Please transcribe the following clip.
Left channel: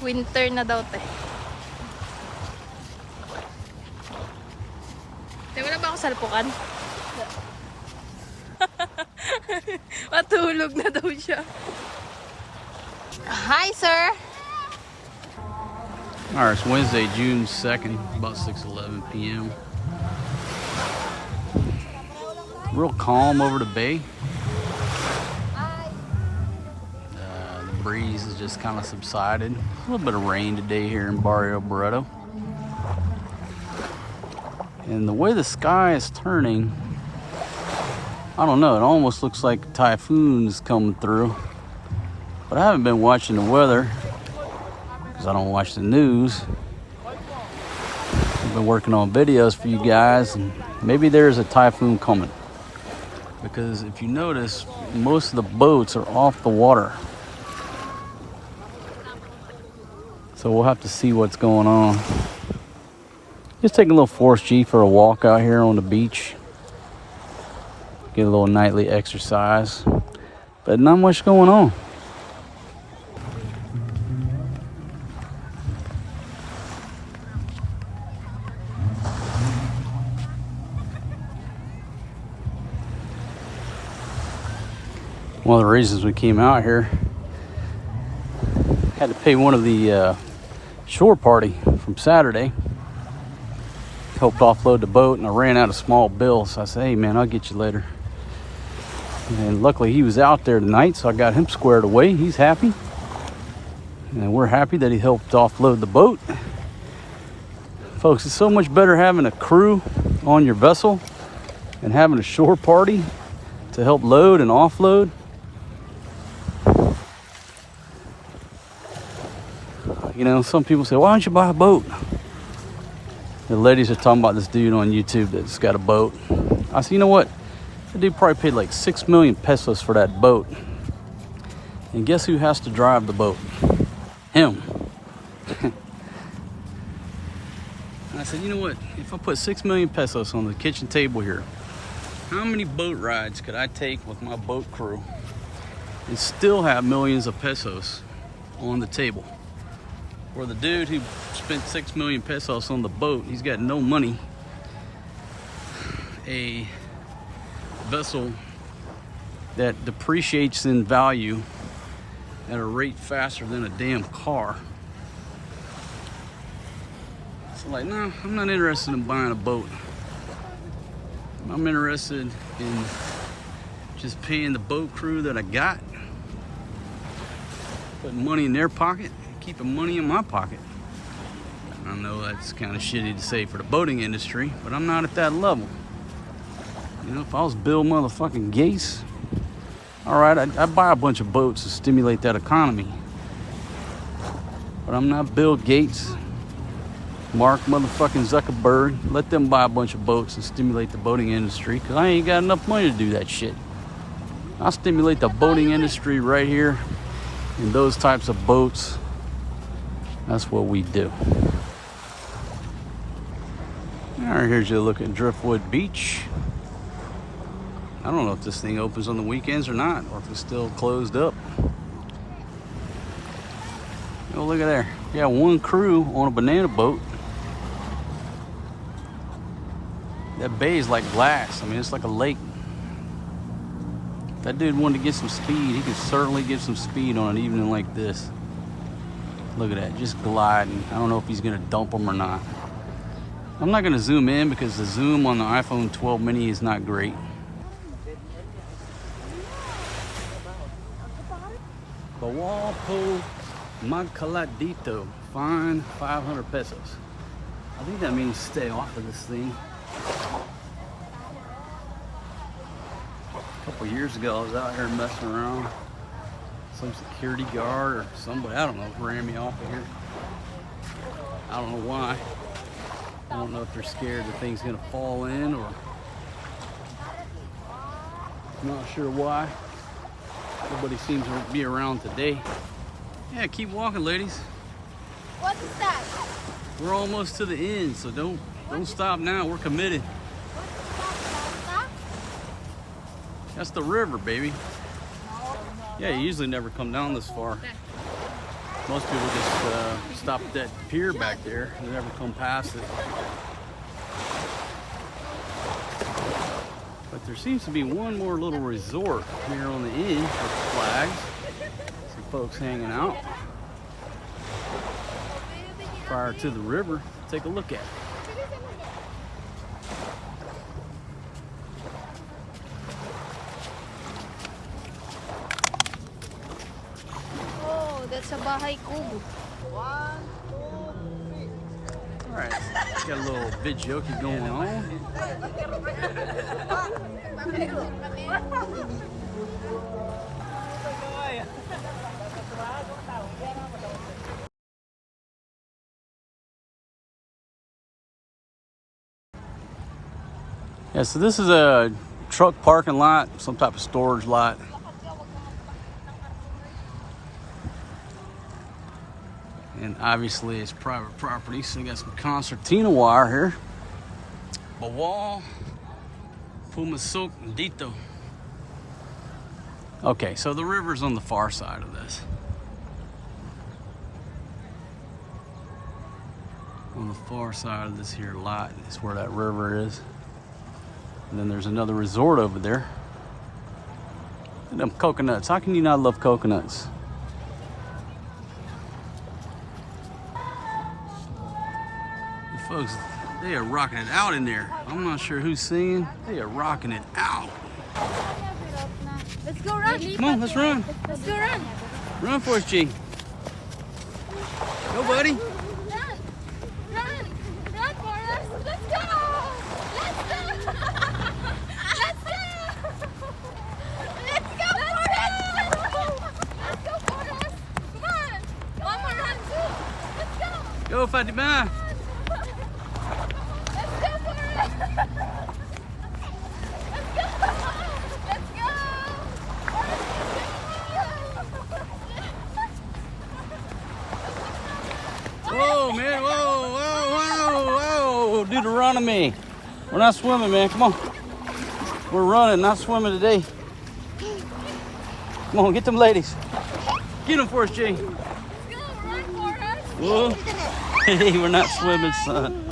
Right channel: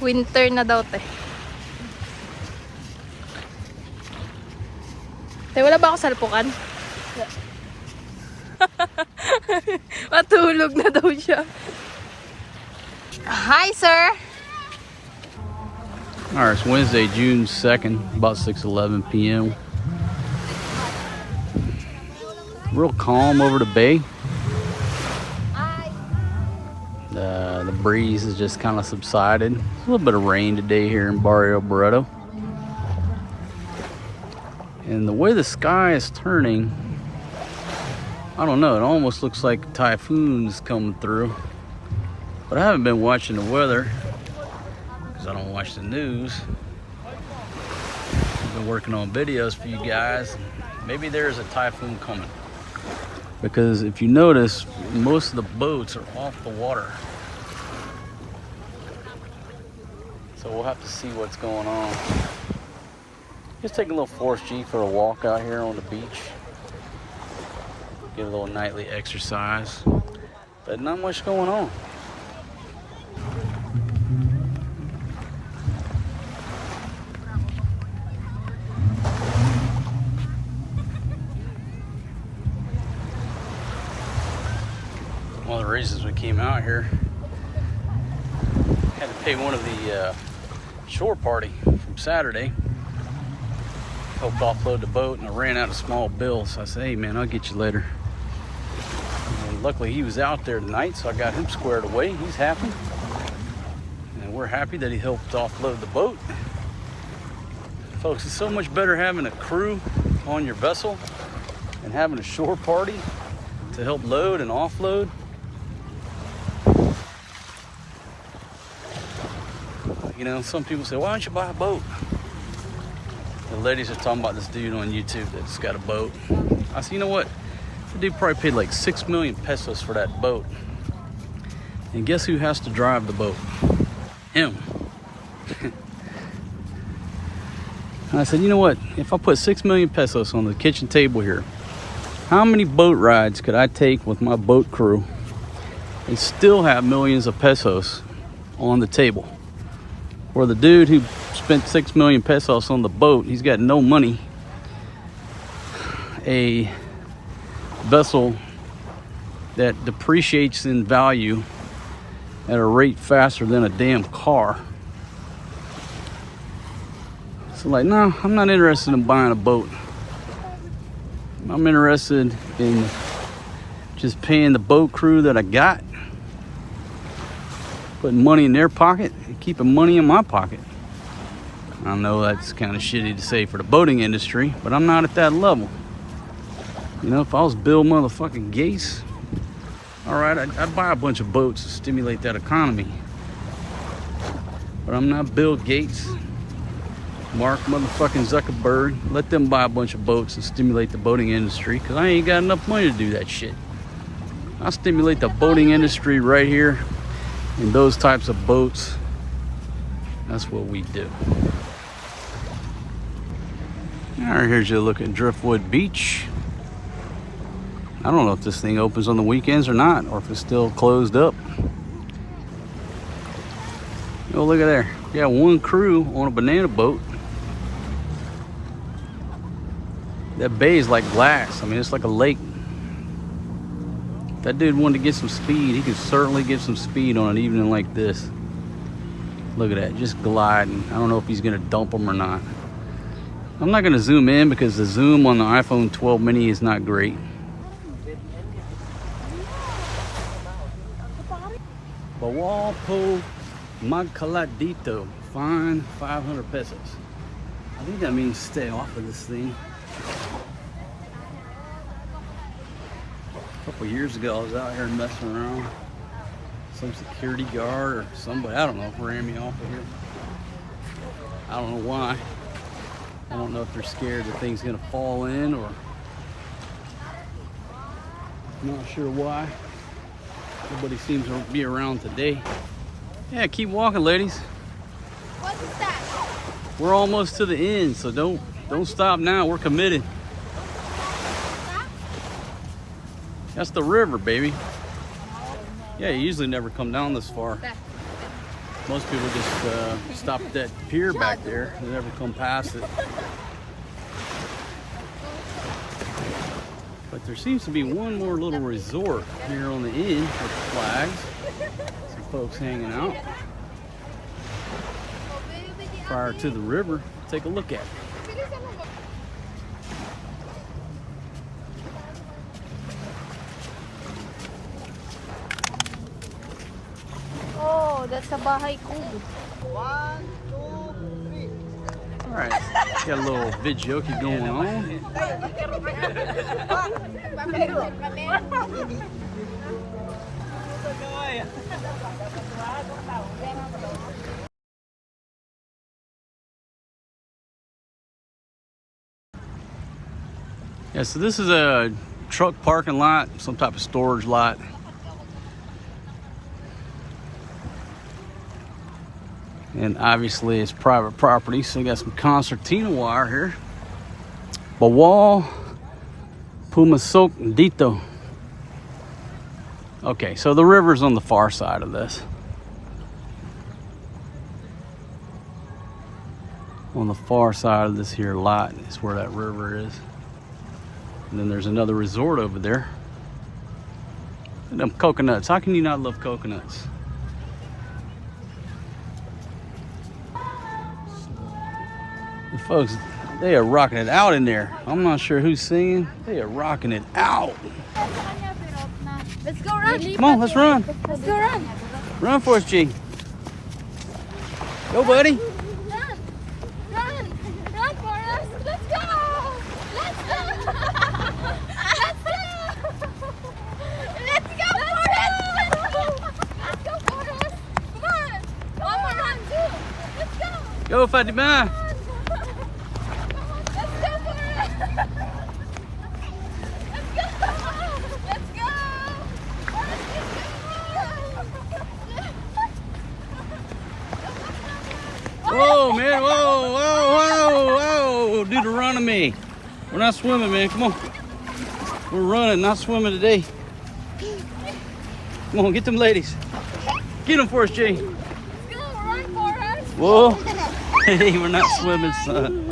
Winter na daw, te. Te, wala ba ako salpukan? Yeah. Matulog na daw siya. Hi, sir. All right, it's Wednesday, June 2nd, about 6:11 p.m. Real calm over the bay. The breeze has just kind of subsided. A little bit of rain today here in Barrio Barretto. And the way the sky is turning, I don't know, it almost looks like a typhoon's coming through. But I haven't been watching the weather because I don't watch the news. I've been working on videos for you guys, and maybe there's a typhoon coming. Because if you notice, most of the boats are off the water. So we'll have to see what's going on. Just taking a little Forrest G for a walk out here on the beach. Get a little nightly exercise. But not much going on. One of the reasons we came out here, had to pay one of the shore party from Saturday. Helped offload the boat, and I ran out of small bills. So I said, hey man, I'll get you later. And luckily he was out there tonight, so I got him squared away. He's happy. And we're happy that he helped offload the boat. Folks, it's so much better having a crew on your vessel and having a shore party to help load and offload. You know, some people say, why don't you buy a boat? The ladies are talking about this dude on YouTube that's got a boat. I said, you know what? That dude probably paid like 6 million pesos for that boat. And guess who has to drive the boat? Him. And I said, you know what? If I put 6 million pesos on the kitchen table here, how many boat rides could I take with my boat crew and still have millions of pesos on the table? For the dude who spent 6 million pesos on the boat, he's got no money. A vessel that depreciates in value at a rate faster than a damn car. So like, no, I'm not interested in buying a boat. I'm interested in just paying the boat crew that I got, putting money in their pocket, and keeping money in my pocket. I know that's kind of shitty to say for the boating industry, but I'm not at that level. You know, if I was Bill motherfucking Gates, all right, I'd buy a bunch of boats to stimulate that economy. But I'm not Bill Gates, Mark motherfucking Zuckerberg. Let them buy a bunch of boats and stimulate the boating industry, because I ain't got enough money to do that shit. I'll stimulate the boating industry right here in those types of boats. That's what we do. All right, here's a look at Driftwood Beach. I don't know if this thing opens on the weekends or not, or if it's still closed up. Oh, look at there. We got one crew on a banana boat. That bay is like glass. I mean, it's like a lake. If that dude wanted to get some speed, he could certainly get some speed on an evening like this. Look at that, just gliding. I don't know if he's gonna dump them or not. I'm not gonna zoom in because the zoom on the iPhone 12 mini is not great. Bawalpo Magcaladito, fine 500 pesos. I think that means stay off of this thing. A couple years ago, I was out here messing around. Some security guard or somebody, I don't know, ran me off of here. I don't know why. I don't know if they're scared the thing's gonna fall in, or I'm not sure why. Nobody seems to be around today. Yeah, keep walking, ladies. What is that? We're almost to the end, so don't stop now. We're committed. What is that? That's the river, baby. Yeah, you usually never come down this far. Most people just stop at that pier back there. They never come past it. But there seems to be one more little resort here on the end with the flags. Some folks hanging out prior to the river. Take a look at it. Oh, that's a bahay kubo. All right, got a little videoke going on. Yeah, so this is a truck parking lot, some type of storage lot. And obviously it's private property, so you got some concertina wire here. Bawal Pumasok Dito. Okay, so the river's on the far side of this. On the far side of this here lot is where that river is. And then there's another resort over there. And them coconuts. How can you not love coconuts? The folks, they are rocking it out in there. I'm not sure who's singing. They are rocking it out. Let's go run. Come on, let's run. Let's go run. Run for us, G. Go, buddy. Run. Run. Run, Forrest. Let's go. Let's go. Let's go. Let's go. Let's go. Let's go, Forrest. Come on. Mama, run too. Let's go. Go, Fatima. Let's go, Forrest. Let's go. Let's go. Forrest, Whoa, man. Whoa, whoa, whoa, whoa. Deuteronomy. We're not swimming, man. Come on. We're running, not swimming today. Come on, get them ladies. Get them for us, G. Let's go. Run, Forrest. Whoa. Hey, we're not swimming, son.